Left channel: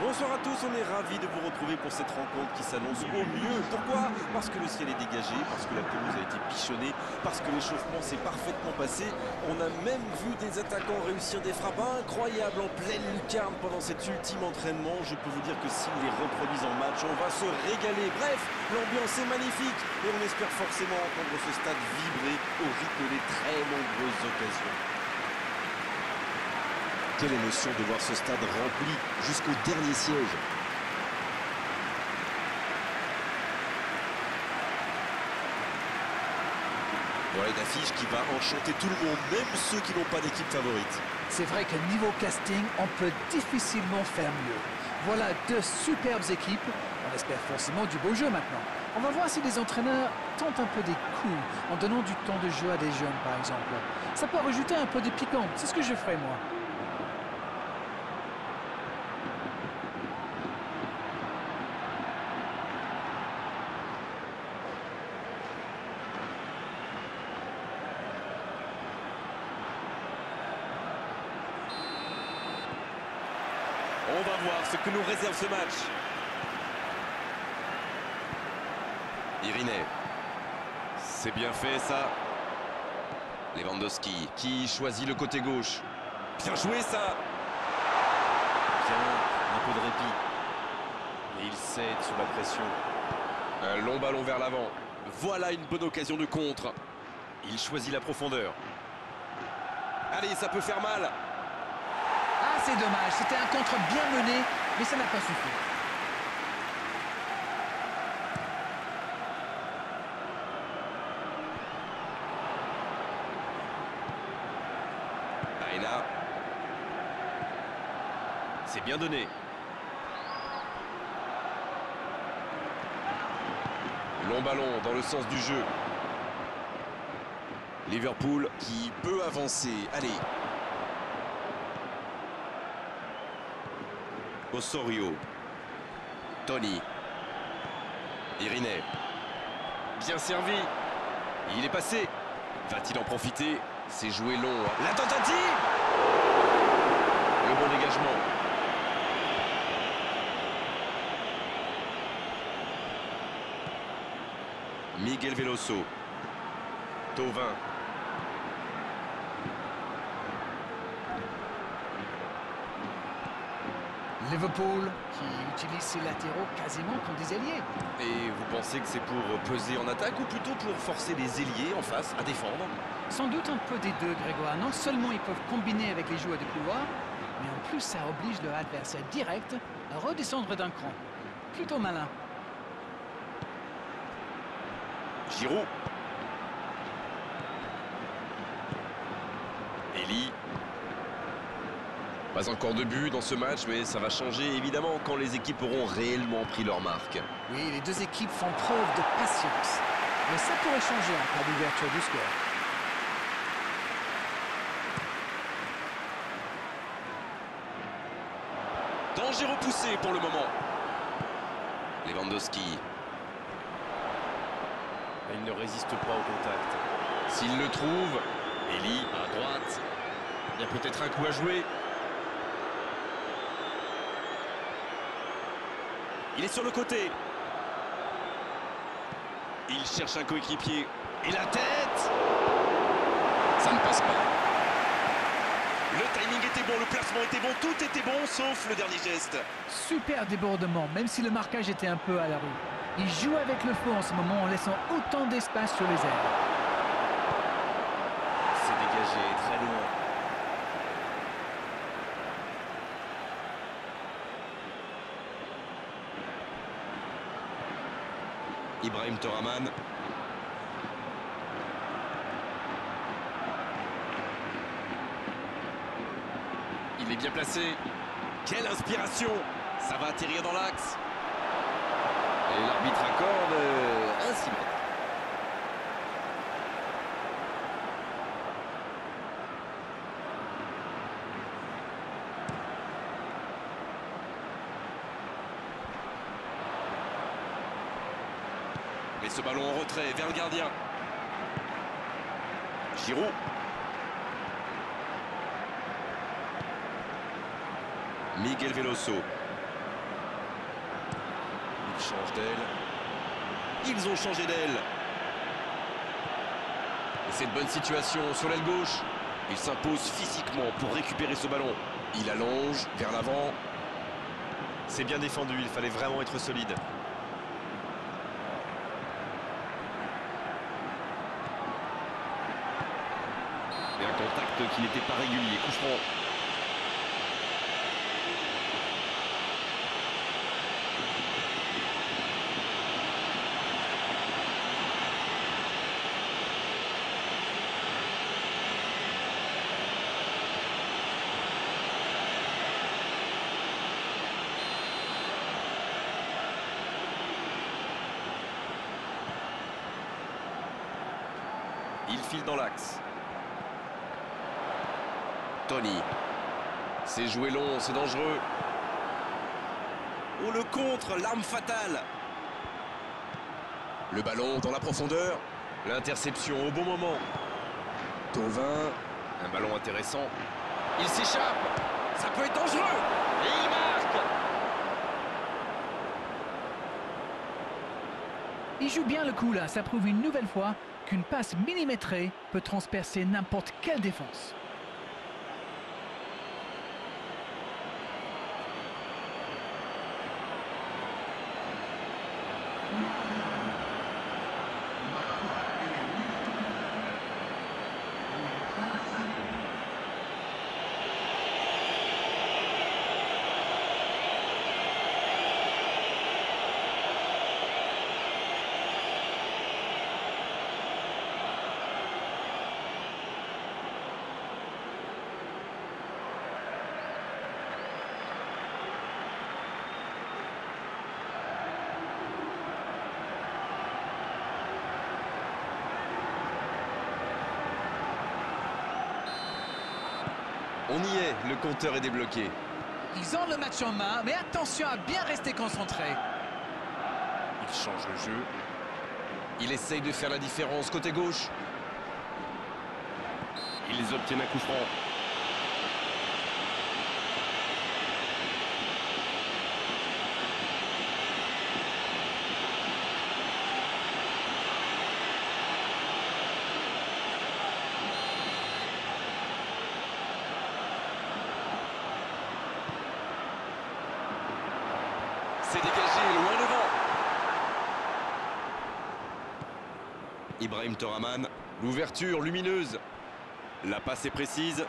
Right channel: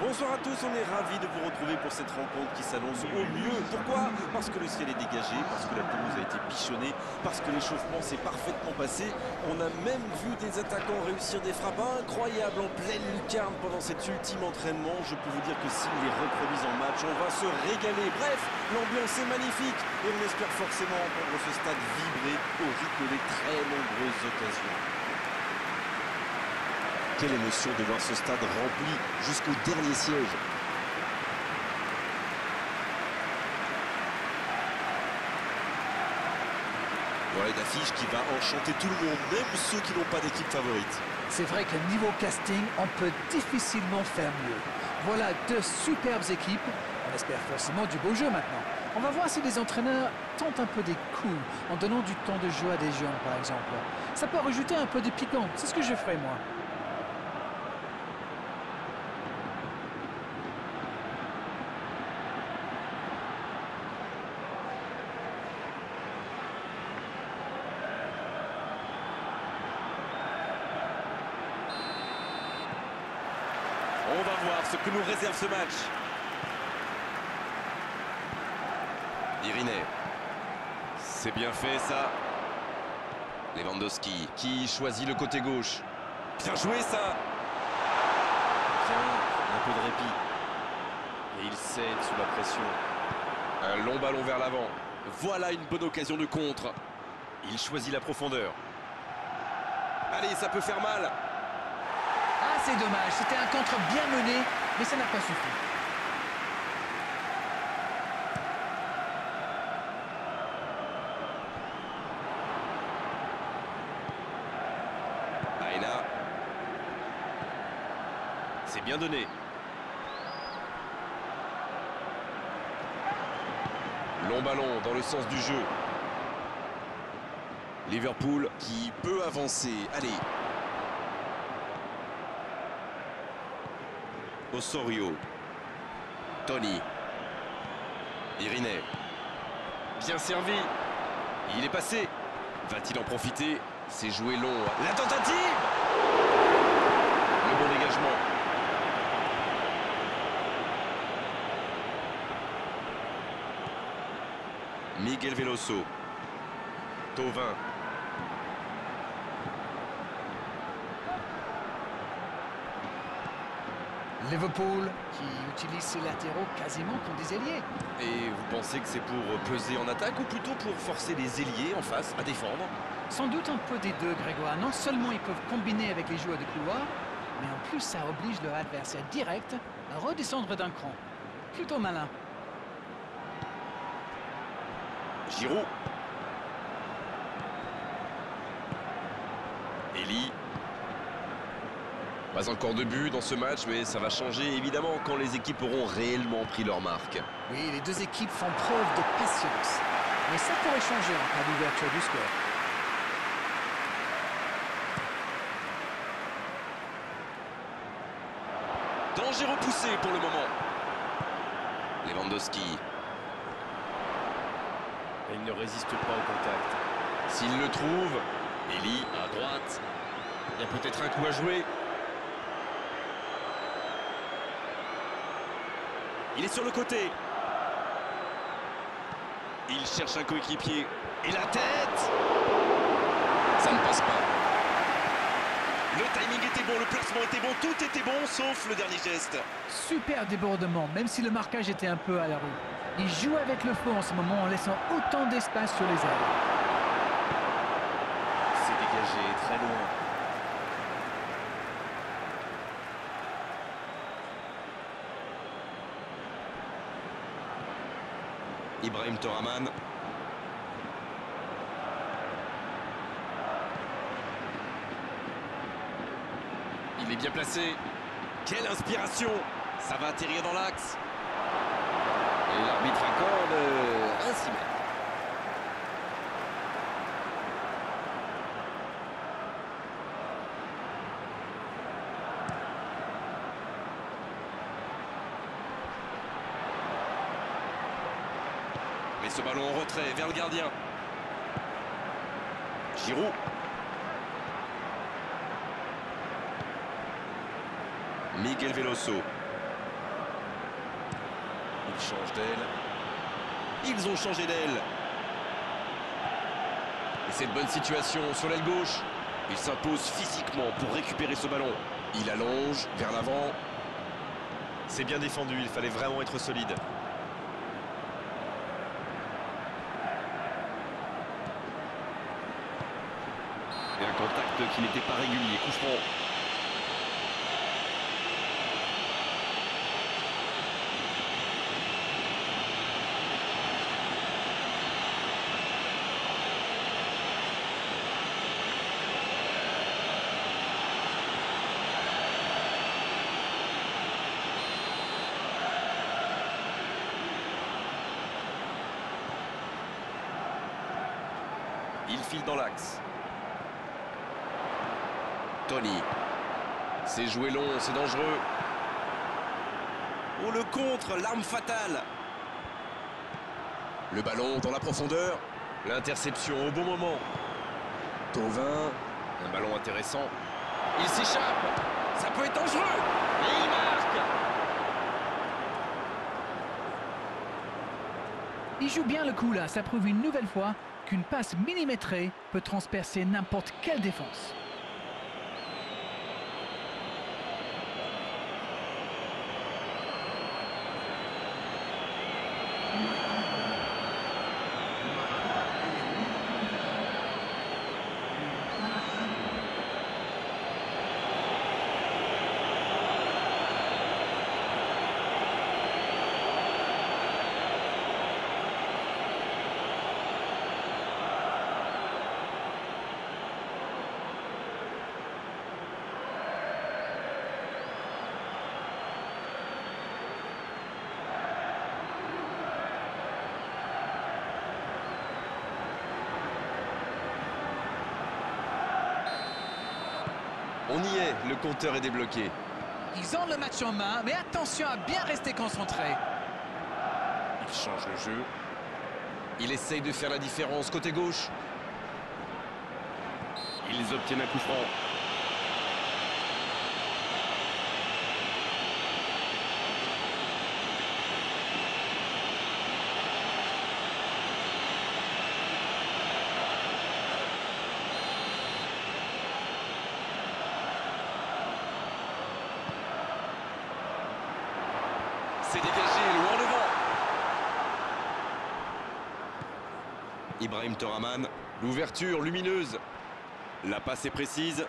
Bonsoir à tous, on est ravis de vous retrouver pour cette rencontre qui s'annonce au mieux. Pourquoi? Parce que le ciel est dégagé, parce que la pelouse a été bichonnée, parce que l'échauffement s'est parfaitement passé. On a même vu des attaquants réussir des frappes incroyables en pleine lucarne pendant cet ultime entraînement. Je peux vous dire que s'ils les reproduisent en match, on va se régaler. Bref, l'ambiance est magnifique et on espère forcément entendre ce stade vibrer au rythme des très nombreuses occasions. Quelle émotion de voir ce stade rempli jusqu'au dernier siège. Voilà une affiche qui va enchanter tout le monde, même ceux qui n'ont pas d'équipe favorite. C'est vrai que niveau casting, on peut difficilement faire mieux. Voilà deux superbes équipes. On espère forcément du beau jeu maintenant. On va voir si les entraîneurs tentent un peu des coups en donnant du temps de jeu à des jeunes, par exemple. Ça peut rajouter un peu de piquant. C'est ce que je ferai, moi. On va voir ce que nous réserve ce match. Iriné. C'est bien fait ça. Lewandowski qui choisit le côté gauche. Bien joué ça. Bien, un peu de répit. Et il cède sous la pression. Un long ballon vers l'avant. Voilà une bonne occasion de contre. Il choisit la profondeur. Allez, ça peut faire mal. Ah, c'est dommage. C'était un contre bien mené, mais ça n'a pas suffi. Aina. C'est bien donné. Long ballon dans le sens du jeu. Liverpool qui peut avancer. Allez. Osorio. Tony. Iriné. Bien servi. Il est passé. Va-t-il en profiter? C'est joué long. La tentative! Le bon dégagement. Miguel Veloso. Thauvin. Liverpool qui utilise ses latéraux quasiment comme des ailiers. Et vous pensez que c'est pour peser en attaque ou plutôt pour forcer les ailiers en face à défendre? Sans doute un peu des deux, Grégoire. Non seulement ils peuvent combiner avec les joueurs de couloir, mais en plus ça oblige leur adversaire direct à redescendre d'un cran. Plutôt malin. Giroud. Eli. Pas encore de but dans ce match, mais ça va changer évidemment quand les équipes auront réellement pris leur marque. Oui, les deux équipes font preuve de patience. Mais ça pourrait changer en cas d'ouverture du score. Danger repoussé pour le moment. Lewandowski. Il ne résiste pas au contact. S'il le trouve, Eli à droite. Il y a peut-être un coup à jouer. Il est sur le côté. Il cherche un coéquipier. Et la tête! Ça ne passe pas. Le timing était bon, le placement était bon, tout était bon, sauf le dernier geste. Super débordement, même si le marquage était un peu à la rue. Il joue avec le feu en ce moment en laissant autant d'espace sur les ailes. C'est dégagé, très loin. Ibrahim Toraman. Il est bien placé. Quelle inspiration! Ça va atterrir dans l'axe. Et l'arbitre accorde un 6 mètres. Mais ce ballon en retrait vers le gardien. Giroud. Miguel Veloso. Il change d'aile. Ils ont changé d'aile. Et c'est une bonne situation sur l'aile gauche. Il s'impose physiquement pour récupérer ce ballon. Il allonge vers l'avant. C'est bien défendu, il fallait vraiment être solide. Et un contact qui n'était pas régulier. Coup franc. Il file dans l'axe. Tony. C'est joué long, c'est dangereux. Oh, le contre, l'arme fatale. Le ballon dans la profondeur. L'interception au bon moment. Thauvin. Un ballon intéressant. Il s'échappe. Ça peut être dangereux. Et il marque. Il joue bien le coup là, ça prouve une nouvelle fois qu'une passe millimétrée peut transpercer n'importe quelle défense. On y est, le compteur est débloqué. Ils ont le match en main, mais attention à bien rester concentré. Il change le jeu. Il essaye de faire la différence côté gauche. Ils obtiennent un coup franc. C'est dégagé, loin devant. Ibrahim Toraman, l'ouverture lumineuse. La passe est précise.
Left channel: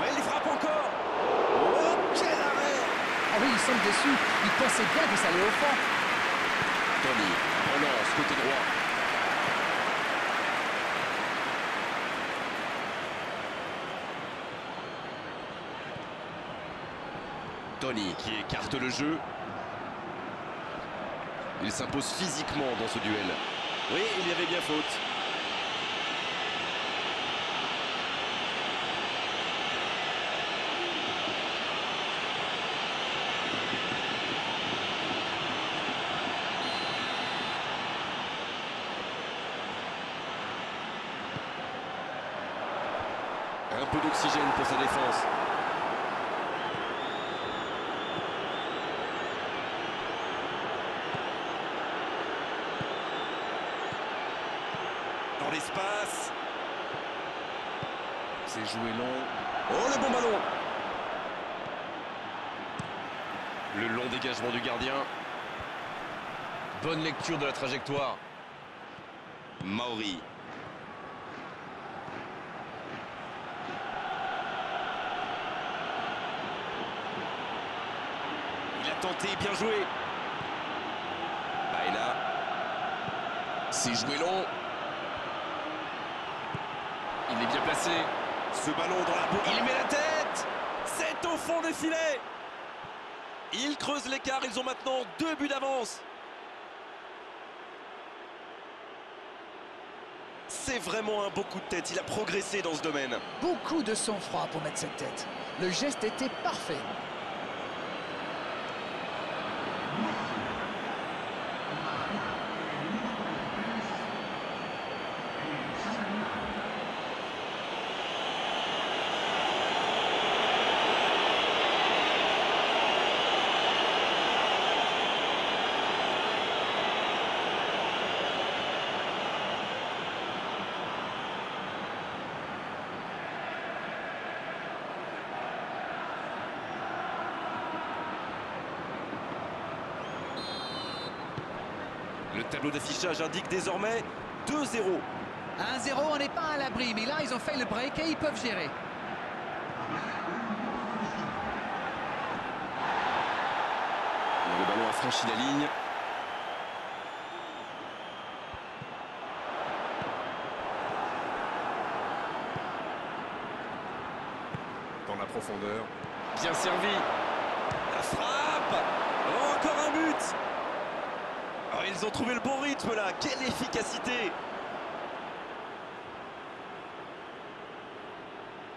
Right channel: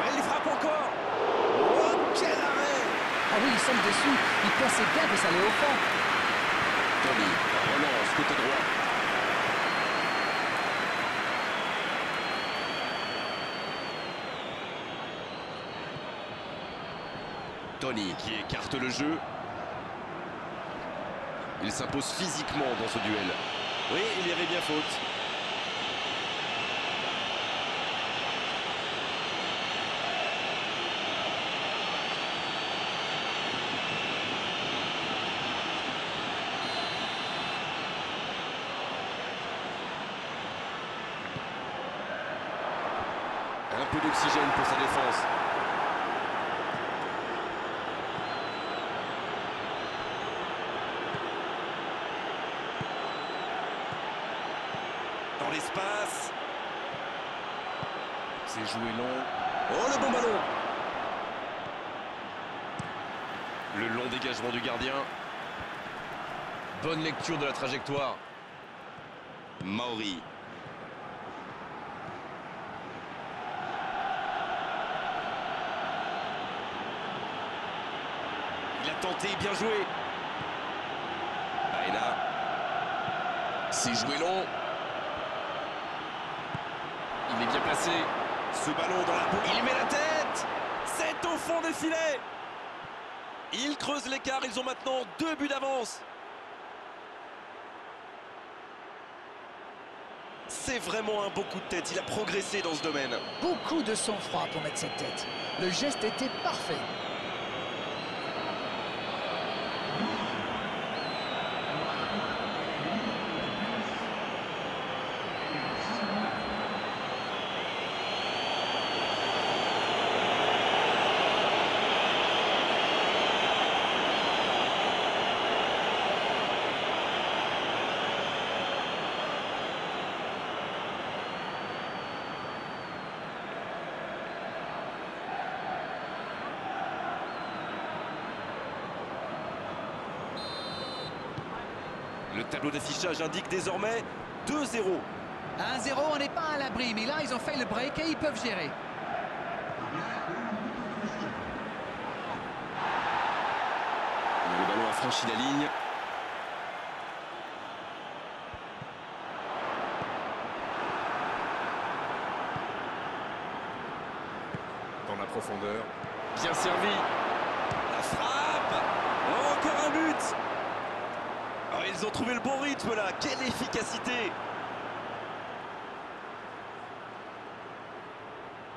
Ouais, il frappe encore. Oh, quel arrêt! Ah oui, ils sont dessus. Ils pensaient bien que ça allait au fond. Tony, la relance côté droit. Tony qui écarte le jeu. Il s'impose physiquement dans ce duel. Oui, il y avait bien faute. Un peu d'oxygène pour sa défense. Dans l'espace. C'est joué long. Oh, le bon ballon. Le long dégagement du gardien. Bonne lecture de la trajectoire. Maori. Il a tenté, bien joué. Baena. C'est joué long. Il est bien placé. Ce ballon dans la boucle. Il met la tête. C'est au fond des filets. Ils creusent l'écart. Ils ont maintenant 2 buts d'avance. C'est vraiment un beau coup de tête. Il a progressé dans ce domaine. Beaucoup de sang-froid pour mettre cette tête. Le geste était parfait. tableau d'affichage indique désormais 2-0. 1-0, on n'est pas à l'abri, mais là, ils ont fait le break et ils peuvent gérer. Le ballon a franchi la ligne. Dans la profondeur. Bien servi. La frappe. Oh, encore un but. Oh, ils ont trouvé le bon rythme là. Quelle efficacité.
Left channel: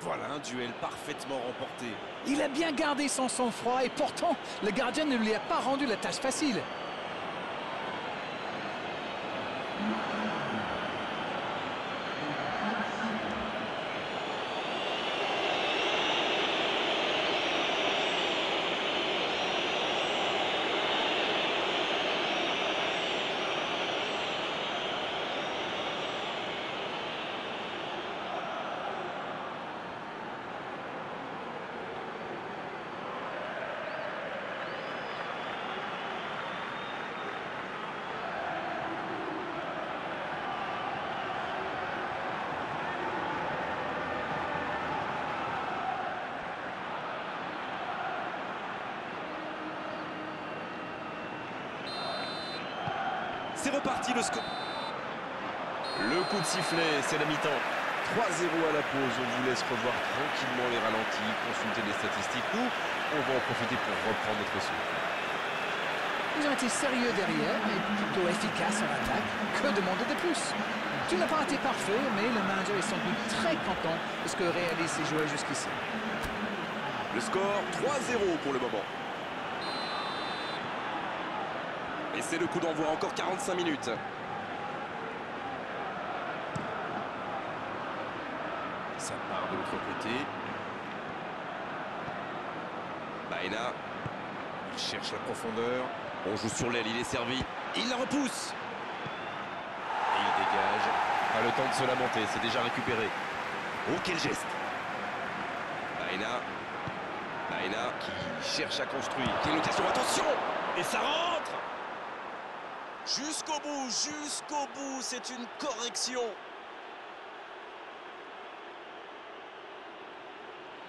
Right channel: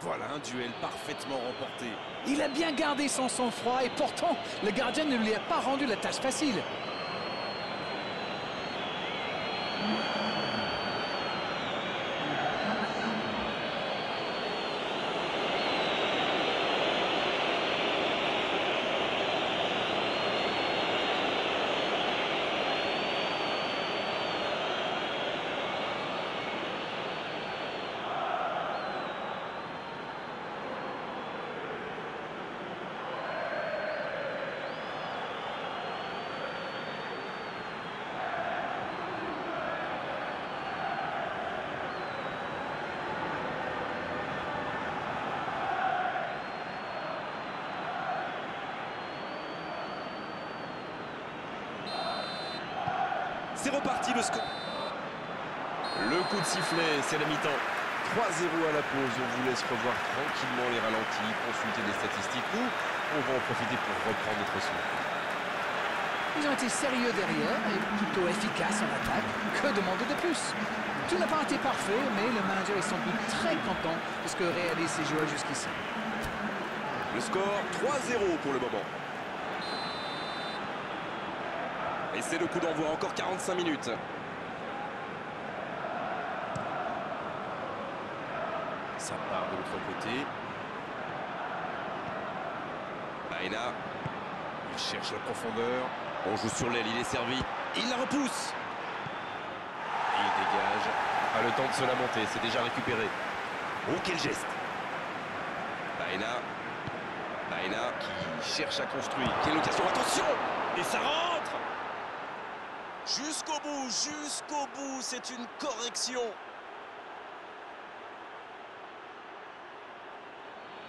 Voilà un duel parfaitement remporté. Il a bien gardé son sang-froid et pourtant, le gardien ne lui a pas rendu la tâche facile. C'est reparti le score. Le coup de sifflet, c'est la mi-temps. 3-0 à la pause. On vous laisse revoir tranquillement les ralentis, consulter les statistiques. Nous, on va en profiter pour reprendre notre souffle. Ils ont été sérieux derrière et plutôt efficaces en attaque. Que demander de plus? Tout n'a pas été parfait, mais le manager est sans doute très content de ce que réalisent ses joueurs jusqu'ici. Le score 3-0 pour le moment. Et c'est le coup d'envoi, encore 45 minutes. Ça part de l'autre côté. Baena. Il cherche la profondeur. On joue sur l'aile, il est servi. Il la repousse. Et il dégage. Pas le temps de se lamenter, c'est déjà récupéré. Oh, quel geste. Baena. Baena qui cherche à construire. Quelle occasion, attention. Et ça rentre. Jusqu'au bout, c'est une correction.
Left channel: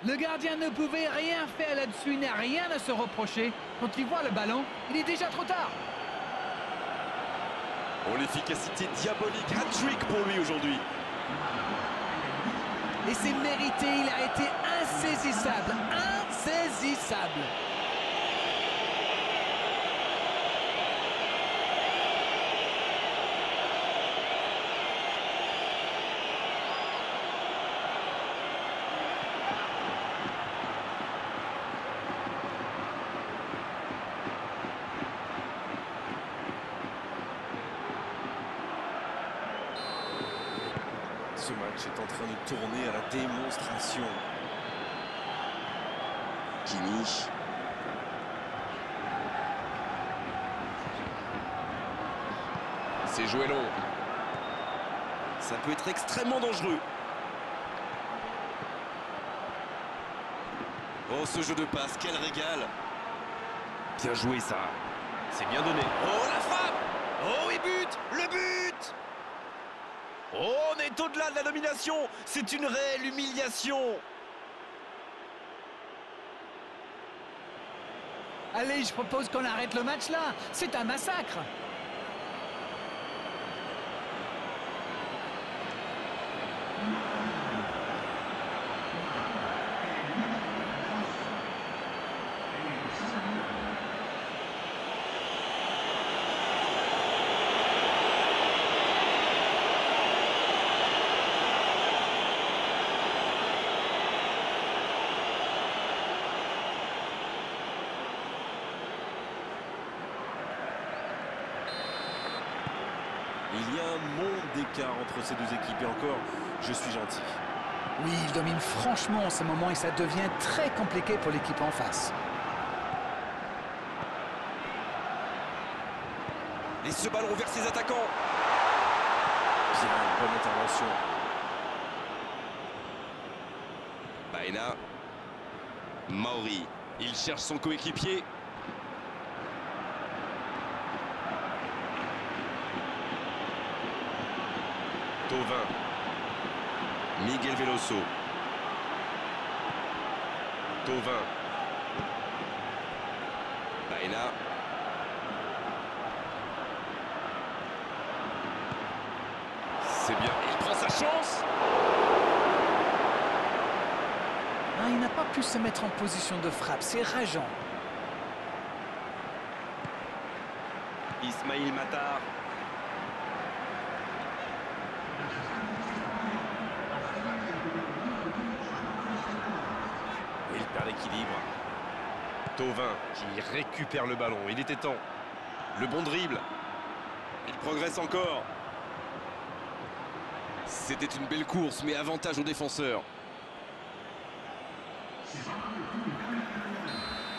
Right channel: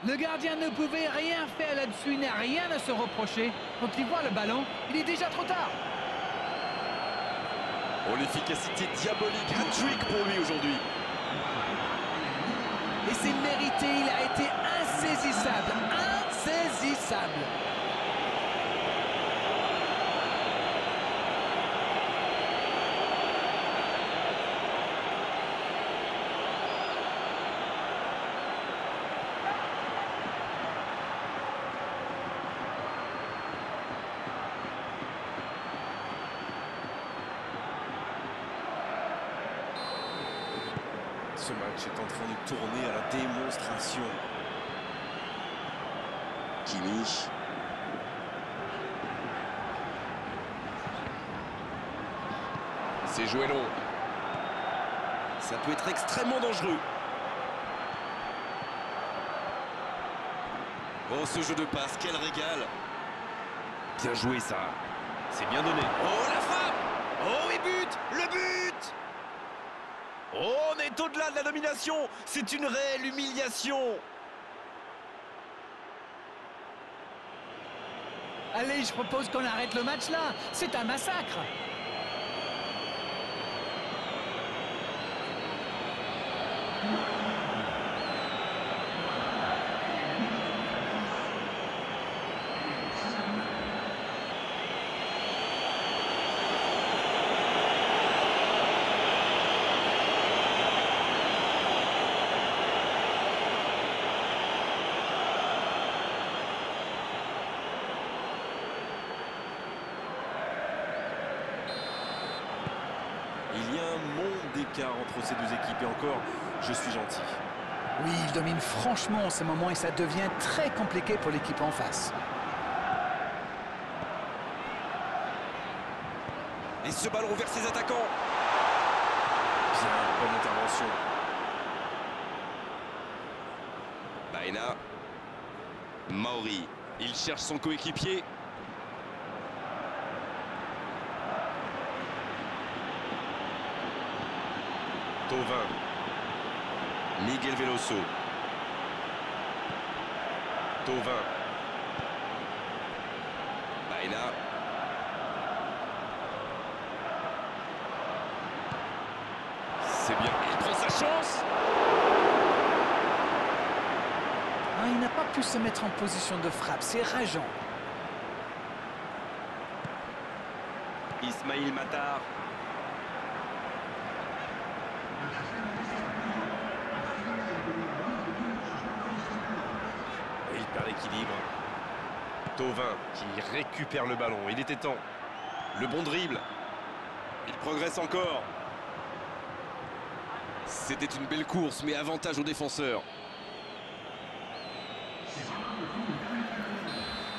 Le gardien ne pouvait rien faire là-dessus, il n'a rien à se reprocher. Quand il voit le ballon, il est déjà trop tard. Oh, l'efficacité diabolique, hat-trick pour lui aujourd'hui. Et c'est mérité, il a été insaisissable, insaisissable. Ce match est en train de tourner à la démonstration. Kimi. C'est joué long. Ça peut être extrêmement dangereux. Oh, ce jeu de passe, quel régal. Bien joué ça. C'est bien donné. Oh, la frappe. Oh, et but. Le but. Oh, on est au-delà de la domination. C'est une réelle humiliation. Allez, je propose qu'on arrête le match là. C'est un massacre. Il y a un monde d'écart entre ces deux équipes et encore, je suis gentil. Oui, il domine franchement en ce moment et ça devient très compliqué pour l'équipe en face. Et ce ballon vers ses attaquants. Bien, bonne intervention. Baena. Maori. Il cherche son coéquipier. Thauvin. Miguel Veloso. Thauvin. Baena. C'est bien, il prend sa chance. Ah, il n'a pas pu se mettre en position de frappe, c'est rageant. Ismaïl Matar. Et il perd l'équilibre. Thauvin qui récupère le ballon. Il était temps. Le bon dribble. Il progresse encore. C'était une belle course, mais avantage aux défenseurs.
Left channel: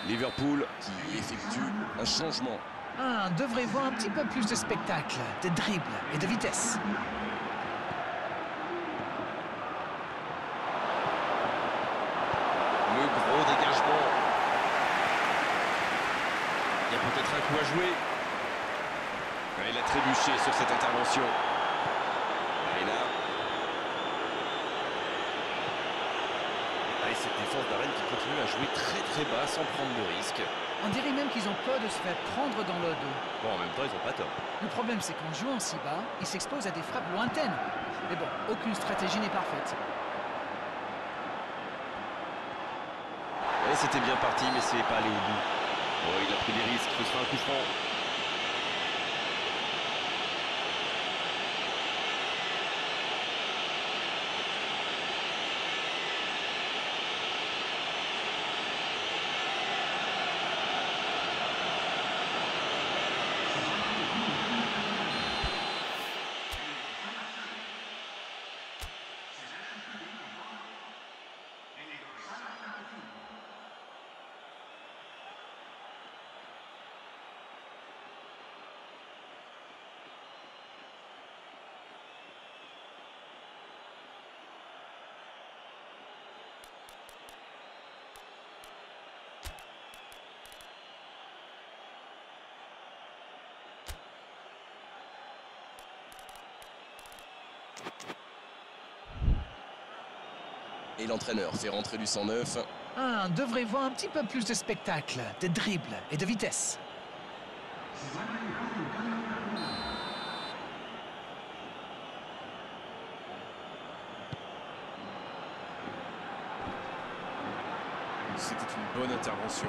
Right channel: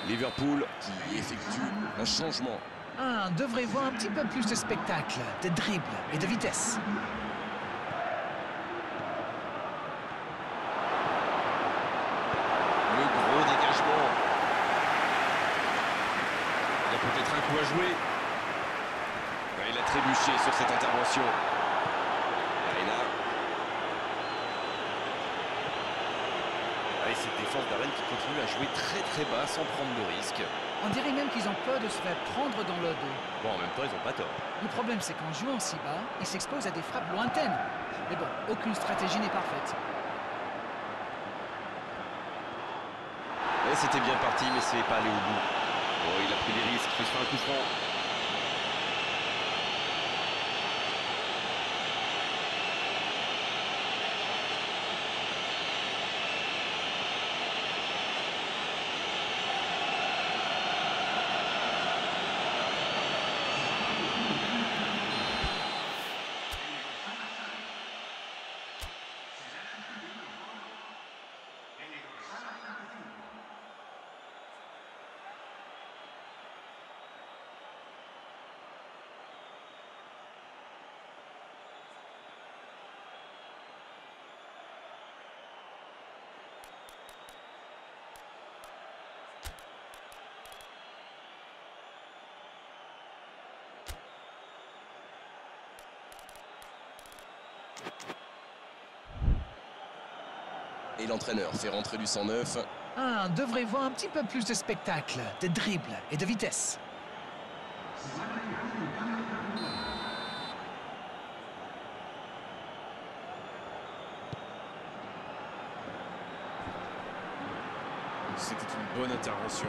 Liverpool qui effectue un changement. Ah, on devrait voir un petit peu plus de spectacle, de dribble et de vitesse. Le gros dégagement. Il y a peut-être un coup à jouer. Il a trébuché sur cette intervention. Baena. Et cette défense d'Arène qui continue à jouer très bas sans prendre de risques. On dirait même qu'ils ont peur de se faire prendre dans le dos. Bon, en même temps, ils n'ont pas tort. Le problème, c'est qu'en jouant si bas, ils s'exposent à des frappes lointaines. Mais bon, aucune stratégie n'est parfaite. Et c'était bien parti, mais c'est pas allé au bout. Oh, il a pris des risques, ce sera un coup franc. Et l'entraîneur fait rentrer du 109. Ah, on devrait voir un petit peu plus de spectacle, de dribble et de vitesse. C'était une bonne intervention.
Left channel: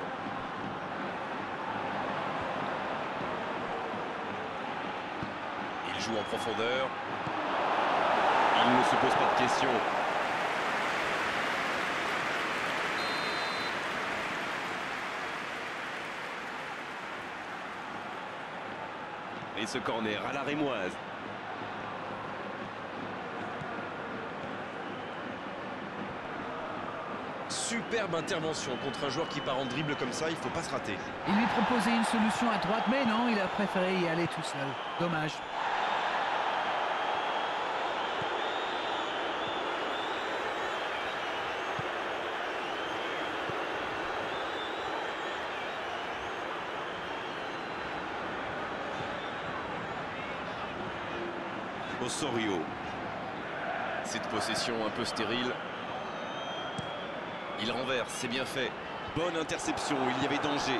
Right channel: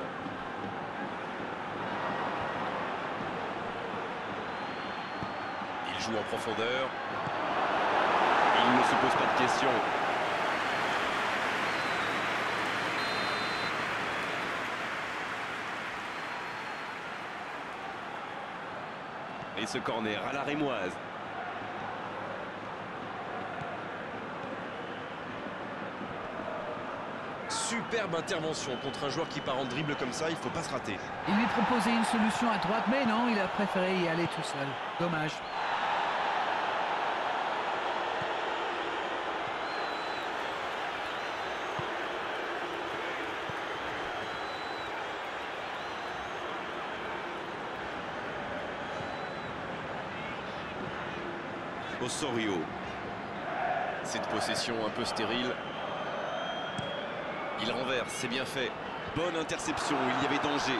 Il joue en profondeur. Il ne se pose pas de questions. Et ce corner à la rémoise. Superbe intervention contre un joueur qui part en dribble comme ça, il ne faut pas se rater. Il lui proposait une solution à droite, mais non, il a préféré y aller tout seul. Dommage. Osorio. Cette possession un peu stérile. Il renverse, c'est bien fait. Bonne interception, il y avait danger.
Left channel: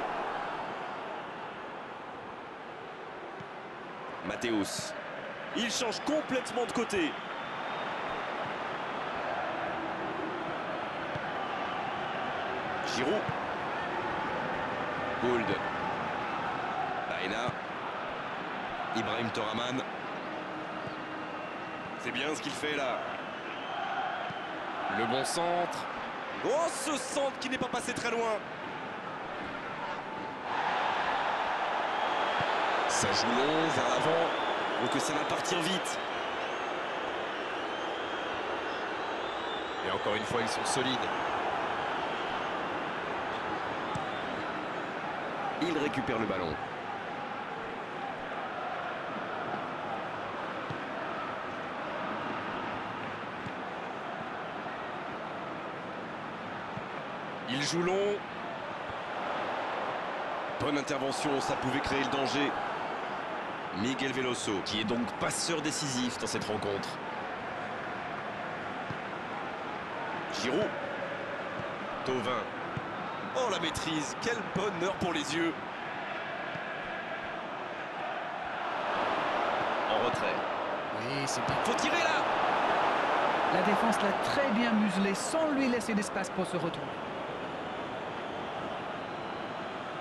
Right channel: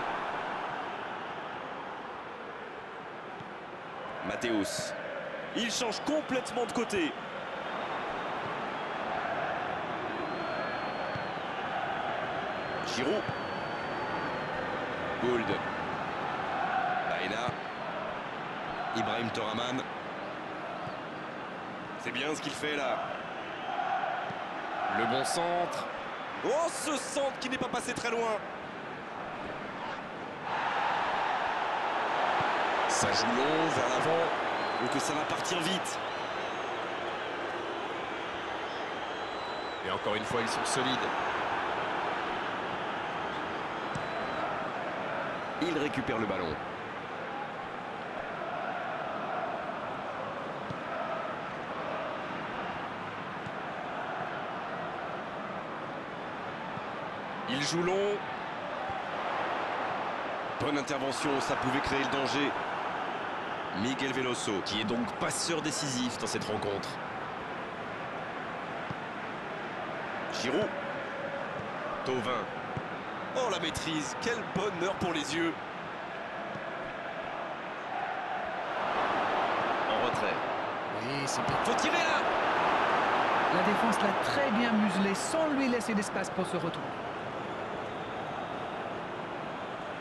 Mathéus. Il change complètement de côté. Giroud. Gould. Baena. Ibrahim Toraman. C'est bien ce qu'il fait là. Le bon centre. Oh, ce centre qui n'est pas passé très loin. Ça joue long vers l'avant. Donc ça va partir vite. Et encore une fois, ils sont solides. Il récupère le ballon. Il joue long. Bonne intervention, ça pouvait créer le danger. Miguel Veloso, qui est donc passeur décisif dans cette rencontre. Giroud. Thauvin. Oh, la maîtrise, quel bonheur pour les yeux. En retrait. Oui, c'est bien. Faut tirer là. La défense l'a très bien muselé sans lui laisser d'espace pour se retourner.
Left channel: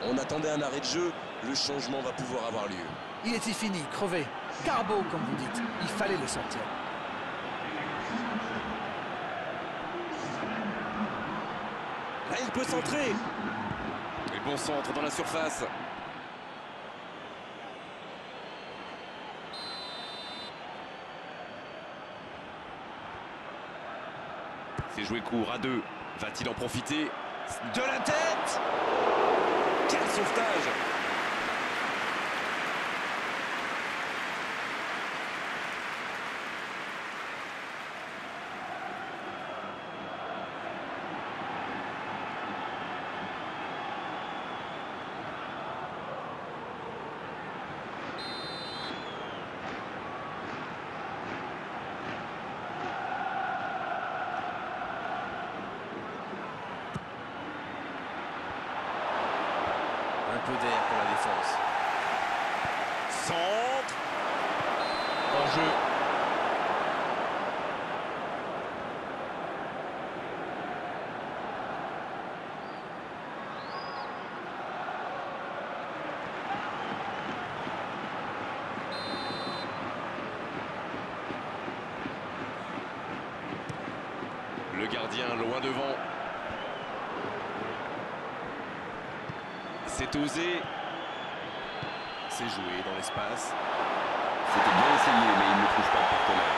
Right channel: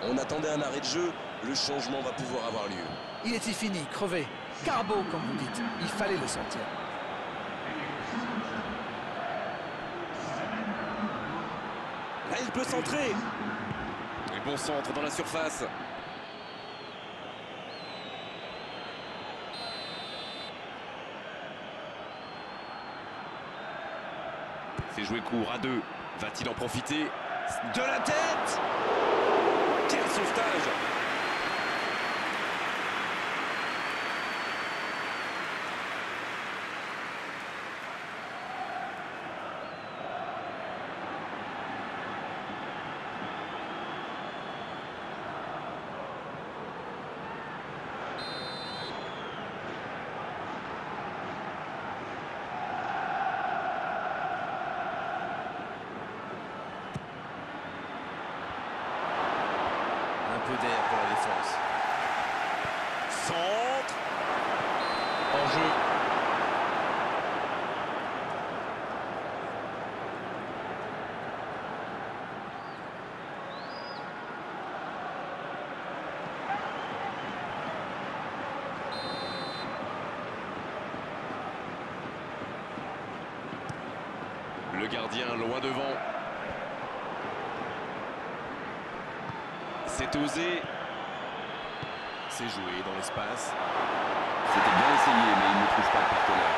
On attendait un arrêt de jeu, le changement va pouvoir avoir lieu. Il était fini, crevé. Carbo, comme vous dites. Il fallait le sortir. Là, il peut centrer. Et bon centre dans la surface. C'est joué court à 2. Va-t-il en profiter? De la tête! Quel sauvetage! Un peu d'air pour la défense. Centre. En jeu. Le gardien loin devant. C'est osé. C'est joué dans l'espace. C'était bien essayé, mais il ne trouve pas de partenaire.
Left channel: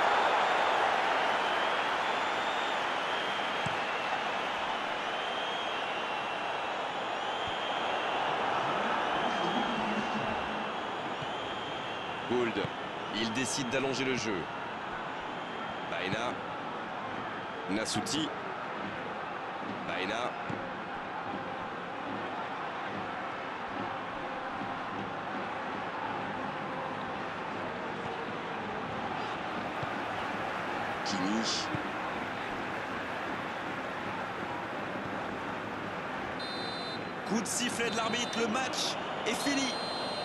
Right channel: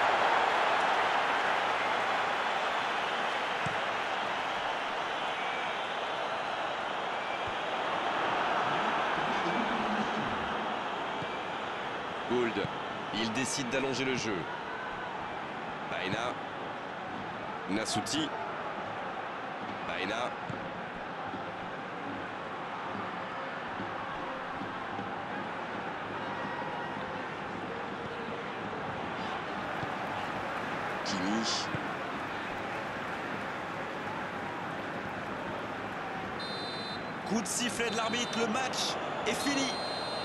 Gould. Il décide d'allonger le jeu. Baena. Nasouti. Baena. Kimi. Coup de sifflet de l'arbitre, le match est fini.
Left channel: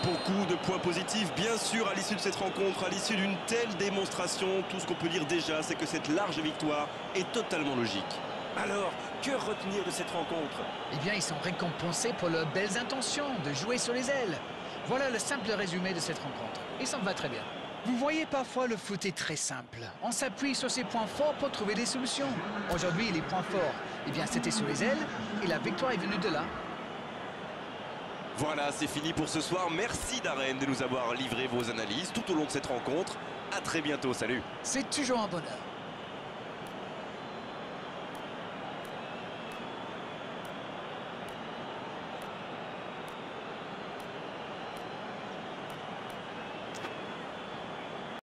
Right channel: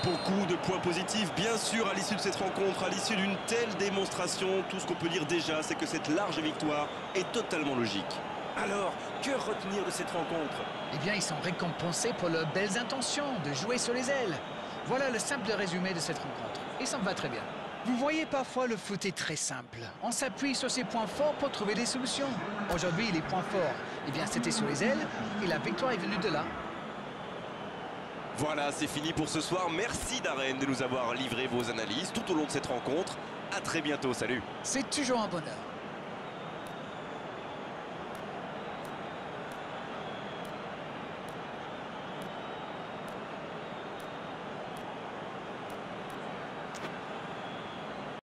Beaucoup de points positifs, bien sûr, à l'issue de cette rencontre, à l'issue d'une telle démonstration. Tout ce qu'on peut dire déjà, c'est que cette large victoire est totalement logique. Alors, que retenir de cette rencontre? Eh bien, ils sont récompensés pour leurs belles intentions de jouer sur les ailes. Voilà le simple résumé de cette rencontre. Et ça me va très bien. Vous voyez, parfois, le foot est très simple. On s'appuie sur ses points forts pour trouver des solutions. Aujourd'hui, les points forts, eh bien, c'était sur les ailes. Et la victoire est venue de là. Voilà, c'est fini pour ce soir. Merci Darren de nous avoir livré vos analyses tout au long de cette rencontre. À très bientôt, salut. C'est toujours un bonheur.